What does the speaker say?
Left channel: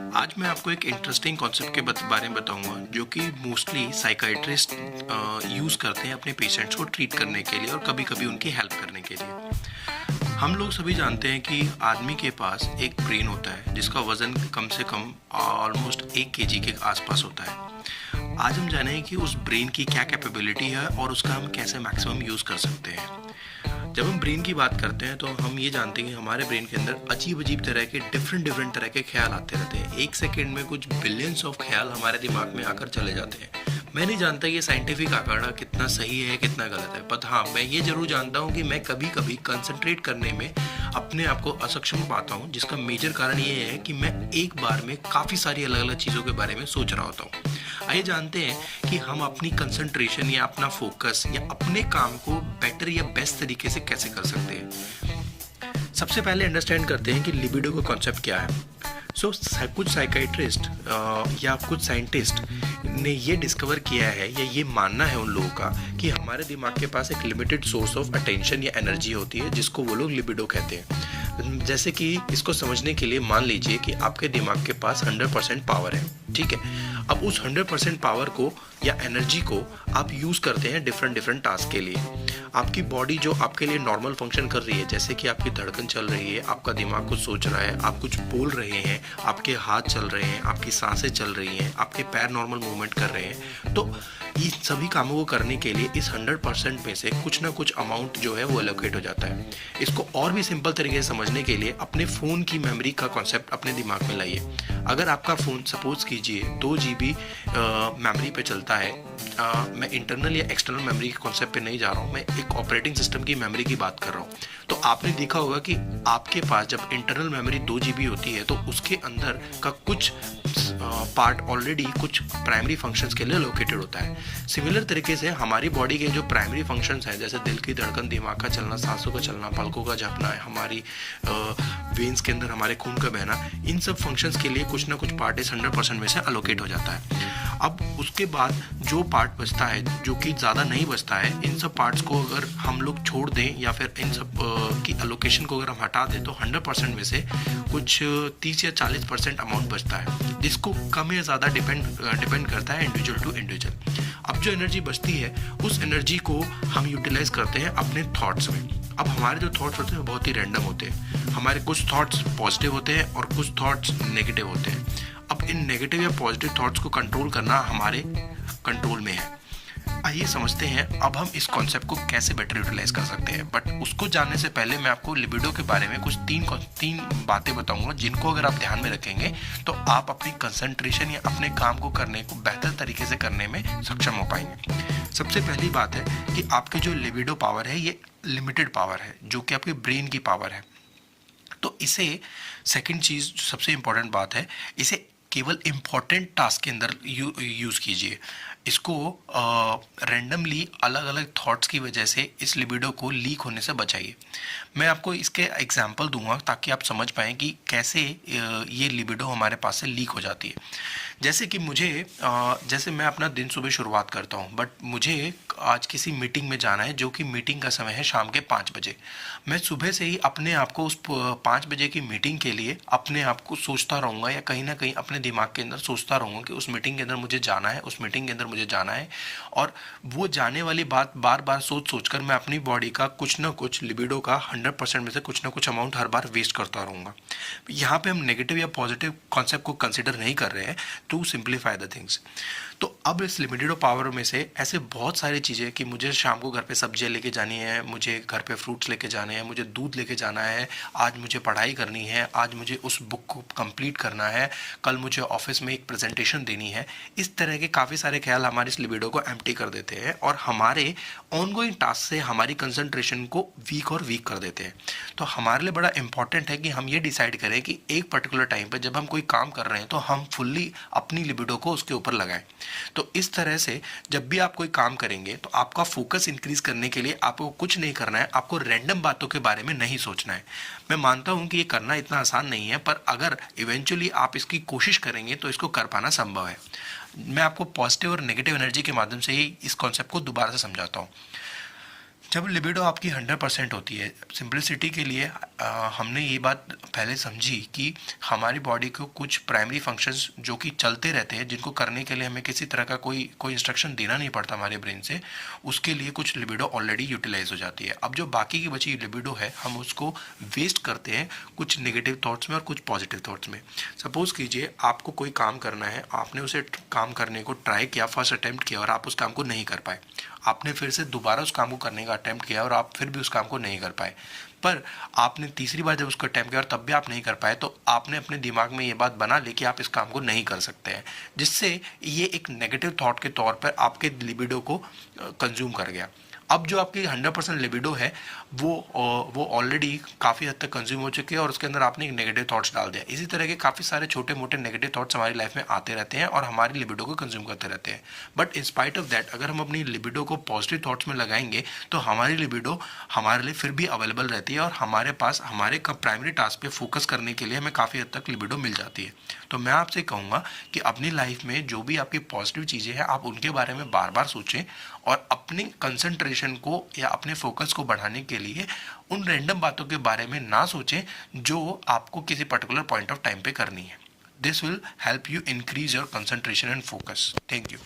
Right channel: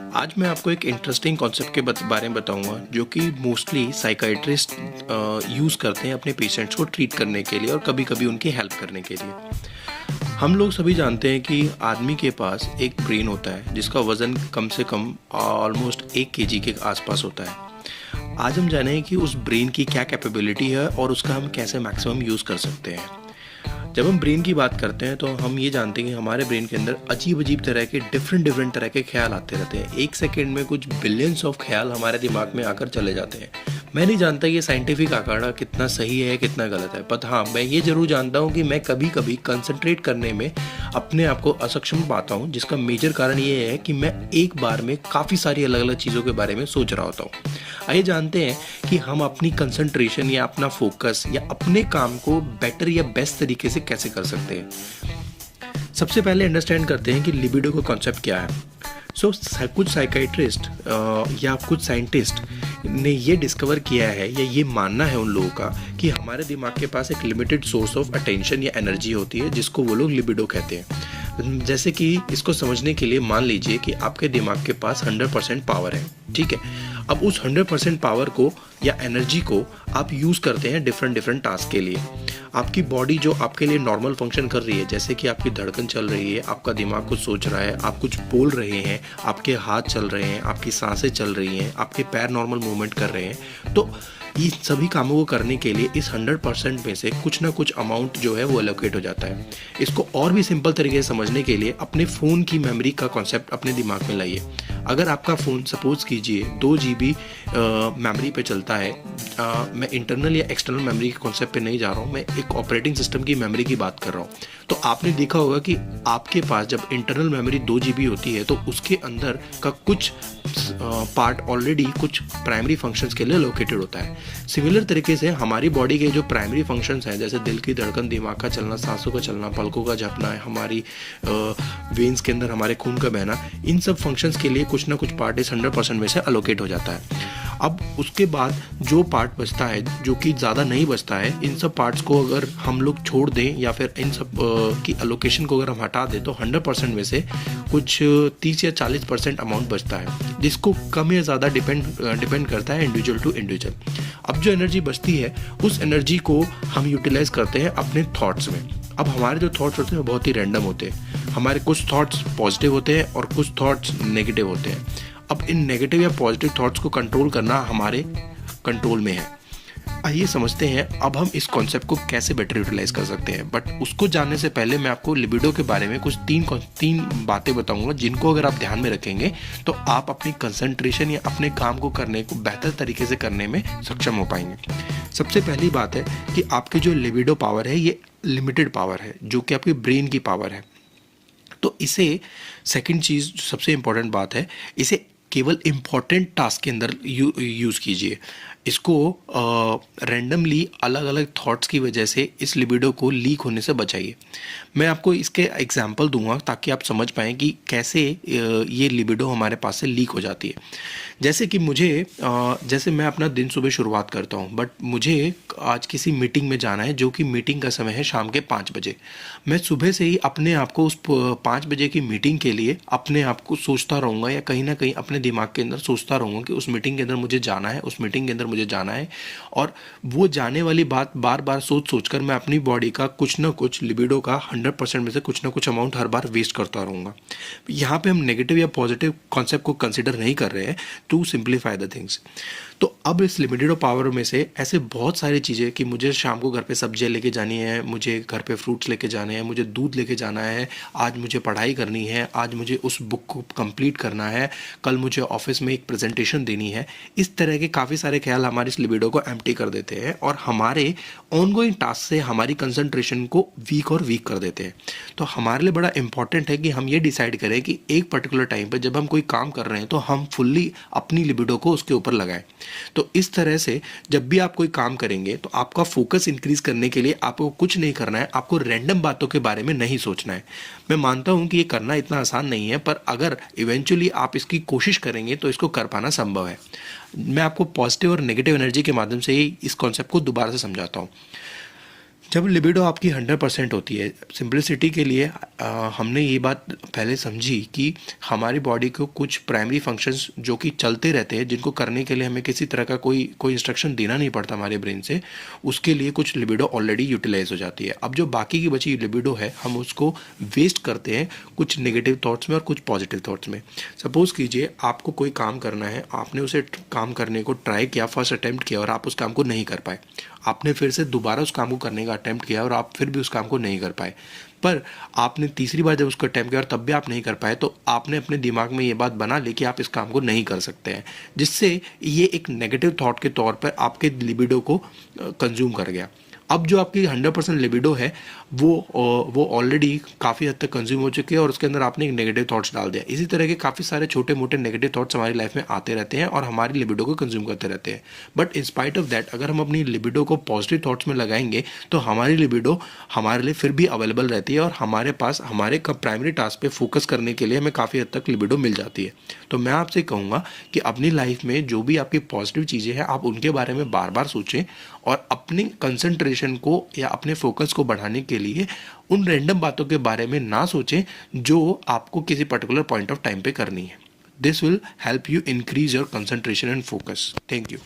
आज मैं आपको एक इंटरेस्टिंग कॉन्सेप्ट के बारे में बताऊंगा जो कि मोस्टली साइकाइट्रिस्ट यूज़ करते हैं अपने पेशेंट्स को ट्रीट करने के लिए और कभी कभी उनकी हेल्प करने के लिए। हम लोग सभी जानते हैं कि आदमी के पास एक ब्रेन होता है जिसका वज़न कम से कम ऑलमोस्ट 1 kg के आसपास होता है। आज हम जानें कि उस ब्रेन की क्या कैपेबिलिटी है और उसका हम कैसे मैक्सिमम यूज़ कर सकते हैं। जब हम ब्रेन की बात करते हैं तो हम ये जानते हैं कि हमारे ब्रेन के अंदर अजीब अजीब तरह के डिफरेंट तरह के ख्याल आते रहते हैं। एक सेकंड में कुछ बिलियंस ऑफ ख्याल हमारे दिमाग में आकर चले जाते हैं। मैं नहीं जानता ये साइंटिफिक आंकड़ा कितना सही है कितना गलत है, पर हाँ मैं ये जरूर जानता हूँ कि मैं कभी कभी कंसंट्रेट करने में अपने आप को असक्षम पाता हूँ, जिसका मेजर कारण ये है कि मैं एक बार में काफ़ी सारी अलग अलग चीज़ों के बारे में सोच रहा होता हूँ। आइए जानते हैं कि हम अपनी कंसंट्रेशन या अपना फोकस या अपने काम को बेटर या बेस्ट तरीके से कैसे कर सकते हैं। सबसे पहले अंडरस्टैंड करते हैं कि लिबिडो का कॉन्सेप्ट क्या है। कुछ साइकाइट्रिस्ट या कुछ साइंटिस्ट ने ये डिस्कवर किया है या ये मानना है उन लोगों का कि हमारे दिमाग के पास एक लिमिटेड सोर्स ऑफ अटेंशन या एनर्जी होती है जिसको वो लोग लिबिडो कहते हैं। जैसे कि इसको समझने के लिए मान लीजिए कि आपके दिमाग के पास 100% पावर है, ठीक है। अब उस 100% पावर को या एनर्जी को आप यूज़ करते हैं डिफरेंट टास्क के लिए। आपकी बॉडी जो आपके लिए नॉर्मल फंक्शन कर रही है, जैसे कि आपकी धड़कन चल रही है, आपका दिमाग कुछ सोच रहा है, आप कुछ बोल रहे हैं, आपके हाथ चल रहे हैं, आपकी सांसें चल रही हैं, आपके पैर नॉर्मल मूवमेंट कर रहे हैं, तो इन सभी कामों को करने के लिए इस 100% में से कुछ ना कुछ अमाउंट जो है वो एलोकेट हो जाता है। इसको और भी सिंपल तरीके से समझने के लिए अपने फ़ोन की मेमोरी का कॉन्सेप्ट अपने दिमाग में लाइए। अगर आपका फ़ोन सपोज कीजिए 2 GB मेमोरी पे चलता है, मैं इंटरनल या एक्सटर्नल मेमोरी के कॉन्सेप्ट पे नहीं जा रहा हूँ, मैं एक ऑपरेटिंग सिस्टम की मेमोरी की बात कर रहा हूँ। तो आपने देखा होगा कि आपके पास जब इंटरनल मेमोरी 2 GB होती है तो उसके अंदर का कुछ पार्ट ऑलरेडी कुछ प्राइमरी फंक्शंस के लिए लोकेटेड होता है। सिमिलर तरीके से हमारी बॉडी के जो प्राइमरी फंक्शंस हैं, जैसे दिल की धड़कन, दिमाग का चलना, सांसों का चलना, पलकों का झपना, हमारी वेन्स के अंदर हमारे खून का बहना, इन सब फंक्शंस के लिए कुछ ना कुछ पार्ट इस 100% में से अलोकेट हो जाता है। अब उसके बाद जो पार्ट बचता है, जो कि ज़्यादा नहीं बचता है, इन सब पार्ट्स को अगर हम लोग छोड़ दें या फिर इन सब की अलोकेशन को अगर हम हटा दें तो 100% में से कुछ 30 या 40% अमाउंट बचता है, जिसको कम या ज़्यादा डिपेंड करता है इंडिविजुअल टू इंडिविजुअल। अब जो एनर्जी बचती है उस एनर्जी को हम यूटिलाइज करते हैं अपने थॉट्स में। अब हमारे जो थॉट्स होते हैं बहुत ही रैंडम होते हैं। हमारे कुछ थॉट्स पॉजिटिव होते हैं और कुछ थॉट्स नेगेटिव होते हैं। अब इन नेगेटिव या पॉजिटिव थॉट्स को कंट्रोल करना हमारे कंट्रोल में है। आइए समझते हैं अब हम इस कॉन्सेप्ट को कैसे बेटर यूटिलाइज कर सकते हैं। बट उसको जानने से पहले मैं आपको लिबिडो के बारे में कुछ तीन बातें बताऊंगा, जिनको अगर आप ध्यान में रखेंगे तो आप अपनी कंसंट्रेशन या अपने काम को करने को बेहतर तरीके से करने में सक्षम हो पाएंगे। सबसे पहली बात है कि आपके जो लिबिडो पावर है ये लिमिटेड पावर है, जो कि आपकी ब्रेन की पावर है। तो इसे सेकंड चीज़ सबसे इम्पोर्टेंट बात है, इसे केवल इम्पॉर्टेंट टास्क के अंदर यूज़ कीजिए। इसको रैंडमली अलग अलग थॉट्स की वजह से इस लिबिडो को लीक होने से बचाइए। मैं आपको इसके एग्जांपल दूंगा ताकि आप समझ पाएँ कि कैसे ये लिबिडो हमारे पास से लीक हो जाती है। जैसे कि जैसे मैं अपना दिन सुबह शुरुआत करता हूँ, बट मुझे आज किसी मीटिंग में जाना है, जो कि मीटिंग का समय है शाम के 5 बजे। मैं सुबह से ही अपने आप को उस 5 बजे की मीटिंग के लिए अपने आप को सोचता रहूँगा या कहीं ना कहीं अपने दिमाग के अंदर सोचता रहूँगा कि उस मीटिंग के अंदर मुझे जाना है, उस मीटिंग के अंदर मुझे जाना है। और वो जाने वाली बात बार बार सोच कर मैं अपनी बॉडी का कुछ ना कुछ लिबिडो का 100% में से कुछ ना कुछ अमाउंट हर बार वेस्ट करता रहूँगा। यहाँ पे हम नेगेटिव या पॉजिटिव कॉन्सेप्ट को कंसिडर नहीं कर रहे हैं टू सिंप्लीफाई द थिंग्स। तो अब इस लिमिटेड पावर में से ऐसे बहुत सारी चीज़ें कि मुझे शाम को घर पे सब्जियां लेके जानी है, मुझे घर पे फ्रूट्स लेके जाने हैं, मुझे दूध लेके जाना है, आज मुझे पढ़ाई करनी है, आज मुझे उस बुक को कंप्लीट करना है, कल मुझे ऑफिस में एक प्रेजेंटेशन देनी है। इस तरह के काफ़ी सारे ख्याल हमारे इस लिबिडो को एम्प्टी कर देते हैं और हमारे ऑनगोइंग टास्क से हमारी कंसंट्रेशन को वीक कर देते हैं। तो हमारे लिए बड़ा इंपॉर्टेंट है कि हम ये डिसाइड करें कि एक पर्टिकुलर टाइम पर जब हम कोई काम कर रहे हैं तो हम फुल्ली अपनी लिबिडो को उसके ऊपर लगाएं। तो इस तरह से जब भी आप कोई काम करेंगे तो आपका फोकस इंक्रीज करने के लिए आपको कुछ नहीं करना है, आपको रैंडम बातों के बारे में नहीं सोचना है। मैं मानता हूं कि ये करना इतना आसान नहीं है, पर अगर इवेंचुअली आप इसकी कोशिश करेंगे तो इसको कर पाना संभव है। मैं आपको पॉजिटिव और नेगेटिव एनर्जी के माध्यम से ही इस कॉन्सेप्ट को दोबारा से समझाता हूँ। जब लिबिडो आपकी 100% होती है, सिंपलिसिटी के लिए हमने ये बात पहले समझी कि हमारी बॉडी को कुछ प्राइमरी फंक्शंस जो कि चलते रहते हैं, जिनको करने के लिए हमें किसी तरह का कोई इंस्ट्रक्शन देना नहीं पड़ता हमारे ब्रेन से, उसके लिए कुछ लिबिडो ऑलरेडी यूटिलाइज हो जाती है। अब जो बाकी की बची लिबिडो है, हम उसको वेस्ट करते हैं कुछ नेगेटिव थॉट्स में और कुछ पॉजिटिव थॉट्स में। सपोज कीजिए आपको कोई काम करना है, आपने उसे काम करने को ट्राई किया, फर्स्ट अटेम्प्ट किया और आप उस काम को नहीं कर पाए। आपने फिर से दोबारा उस काम को करने का अटेम्प्ट किया और आप फिर भी उस काम को नहीं कर पाए। पर आपने तीसरी बार जब उसको अटेम्प्ट किया और तब भी आप नहीं कर पाए, तो आपने अपने दिमाग में ये बात बना ली कि आप इस काम को नहीं कर सकते हैं, जिससे ये एक नेगेटिव थॉट के तौर पर आपके लिबिडो को कंज्यूम कर गया। अब जो आपकी 100% लिबिडो है वो ऑलरेडी काफ़ी हद तक कंज्यूम हो चुकी है और उसके अंदर आपने एक नेगेटिव थॉट्स डाल दिया। इसी तरह के काफ़ी सारे छोटे मोटे नेगेटिव थॉट्स हमारी लाइफ में आते रहते हैं और हमारी लिबिडो को कंज्यूम करते रहते हैं। But in spite of that, अगर हम अपनी लिबिडो को पॉजिटिव थॉट्स में लगाएंगे तो हमारी लिबिडो हमारे लिए फिर भी अवेलेबल रहती है और हमारे पास हमारे प्राइमरी टास्क पे फोकस करने के लिए हमें काफ़ी हद तक लिबिडो मिल जाती है। तो मैं आपसे कहूँगा कि अपनी लाइफ में जो भी आपकी पॉजिटिव चीज़ें हैं, आप उनके बारे में बार बार सोचें और अपनी कंसंट्रेशन को या अपने फोकस को बढ़ाने के लिए उन रैंडम बातों के बारे में ना सोचें जो आपको किसी पर्टिकुलर पॉइंट ऑफ टाइम पे करनी है। This will help you increase your concentration and focus. Thank you.